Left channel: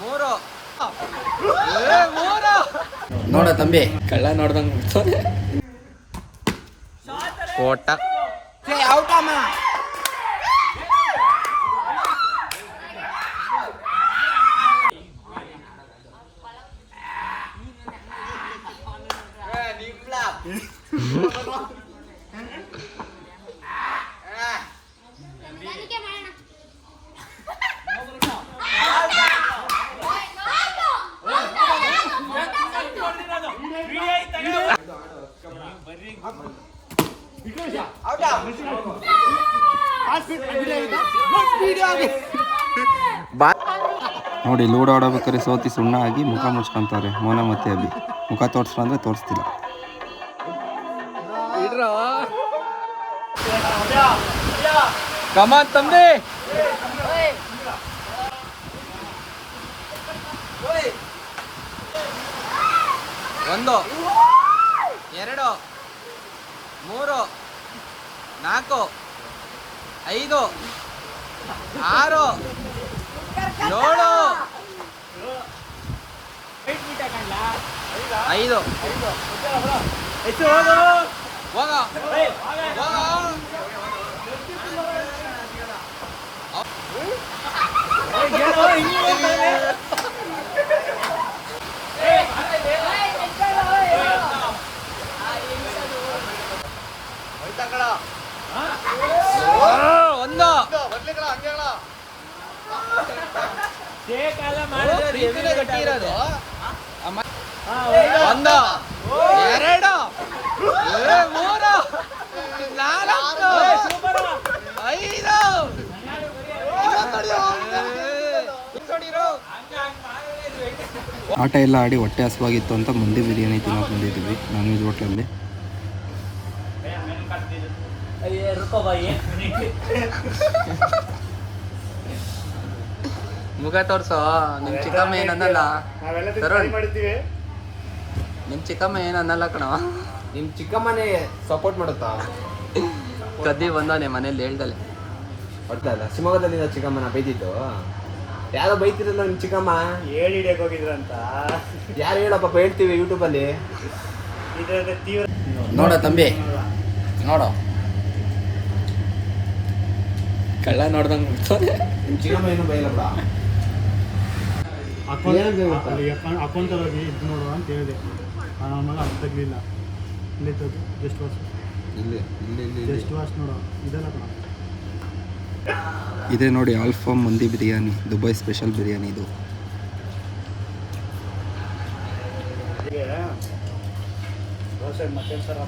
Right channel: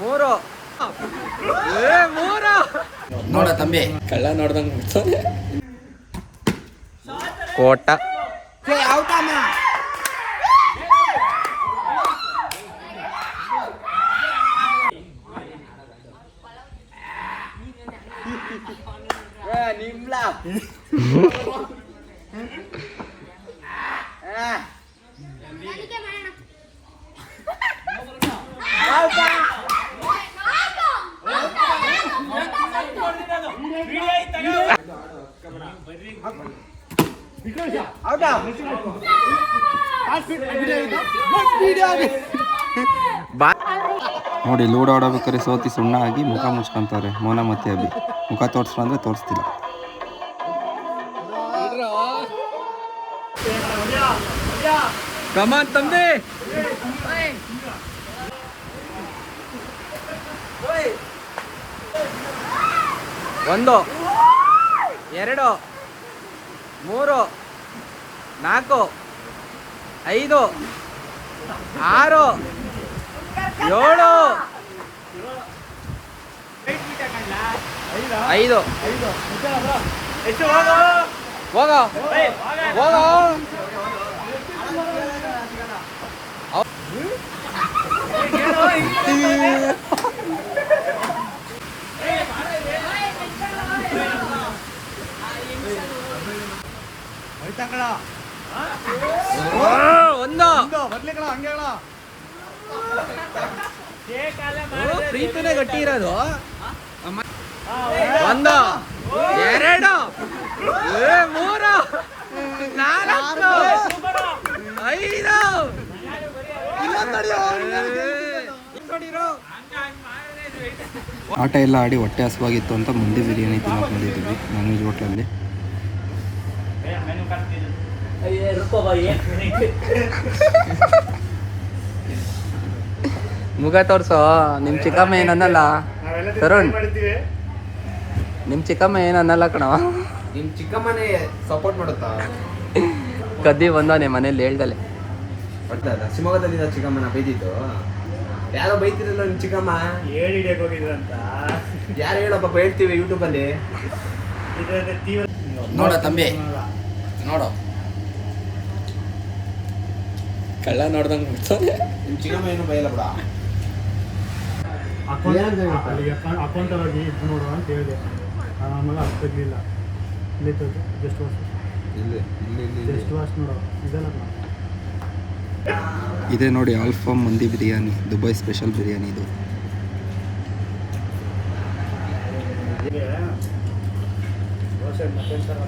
ಮೂರು ಮೂರು ನೋಡ ತಂಬಿ ಕಳ್ಳ ನೋಡ್ದಂಗ ಕೋಟ ನೋಡಿ ಲೂಡೋ ಆಡಬೇಕಾದ್ರೆ ಸೋತಿ ಸುಣ್ಣ ಆಗಿ ಮುಖ ಮುಚ್ಕೊಂತಾರೆ ಮೋನ ಮತ್ತೆ ಅಭಿ. ಮುಖ ತೋರಿಸ್ರು ಅಂದ್ರೆ ತೋರಿಸ್ತಿಲ್ಲ. ಕಮಾನ್ ತಂದೆ. ಒಂದು, ಎರಡು, ಮೂರು, ನಾಲ್ಕು, ಐದು, ಆರು, ಏಳು, ಐದು, ಹೋಗ ಹೋಗ. ಒಂದು ಪ್ರೀತಿನೇ ಗಟ್ಟಿ ಇರೋದು. ಒಂದು, ಎರಡು, ಮೂರು, ನಾಲ್ಕು, ಐದು. ಆಟ ಎಲ್ಲ ಆಡಿ ಹೊಟ್ಟೆ ಹಸುವಾಗಿತ್ತು ಅಂತ ಮಂದಿ ಬಿರಿಯಾನಿ ತಿನ್ನೋಕೆ ಬಂದಿದ್ದೀವಿ ನಾನ್ ವೆಜ್ ಹೋಟ್ಲಲ್ಲಿ. ಮುಖ ತೋರ್ಸೋ. ನಿಮ್ ಚಿಕ್ಕಮ್ಮ ಏನನ್ನಲ್ಲ ತರುಣ್, ನಿಮ್ ಚಿಕ್ಕಮ್ಮ ಏನನ್ನಲ್ಲ ಕಣ. ನಿಮ್ ಚಿಕ್ಕಮ್ಮನೇ ಸಪೋರ್ಟ್ ಮಾಡುತ್ತಾ? ಕದ್ದಿ ಬಂದವನೆ ಮನೇಲಿ ಹೇಳ್ದಲೆ. ಬರ್ತದ ಶಿವಮೊಗ್ಗದಲ್ಲಿ ಚಿಕ್ಕಮ್ಮನ ಬೈದಿದ್ದು. ಯಾರೋ ಬೈತಿರಲ್ಲ ನಿಮ್ ಚಿಕ್ಕಮ್ಮ. ಹೇಳಿ ಹಿಡಿಯಕ್ಕೆ ಹೋಗಿದ್ರಂತ. ಯಾರು ಹೇಳಪ್ಪ ಹೇಳ್ತೀವಿ ಯೂಟ್ಯೂಬಲ್ಲಿ. ನೋಡ ತಂಬಿ ನೋಡ ಕಳ್ಳ ನೋಡ್ದಂಗ ನಿಮ್ ಚಿಕ್ಕಮ್ಮ ಏನು ಬೈಯಲ್ಲ ಬಿಡ. ಅಕೌಂಟಲ್ಲಿ ಹೋಗಿ ಇದು ನೋಡು ಅಂತ ಹೇಳಿದೆ. ಆಮೇಲೆ ಅದು ತೆಗಲಿಲ್ಲ. ಇಲ್ಲಿ ತೆಗೆದು ಜಸ್ಟ್ ವಾಶ್, ಜಸ್ಟ್ ವಾಶ್ ನೋಡು ಇದೆಲ್ಲ ಕಣ. ಇದೇ ನೋಡಿ ಆಲ್ಫಾಮ್ ಮಂದಿ ಬಿರಿಯಾನಿ, ದುಬೈ ಸ್ಪೆಷಲ್ ಬಿರಿಯಾನಿ ಇದು. ದೋಸೆ ಮತ್ತೊಂದು ಸಲ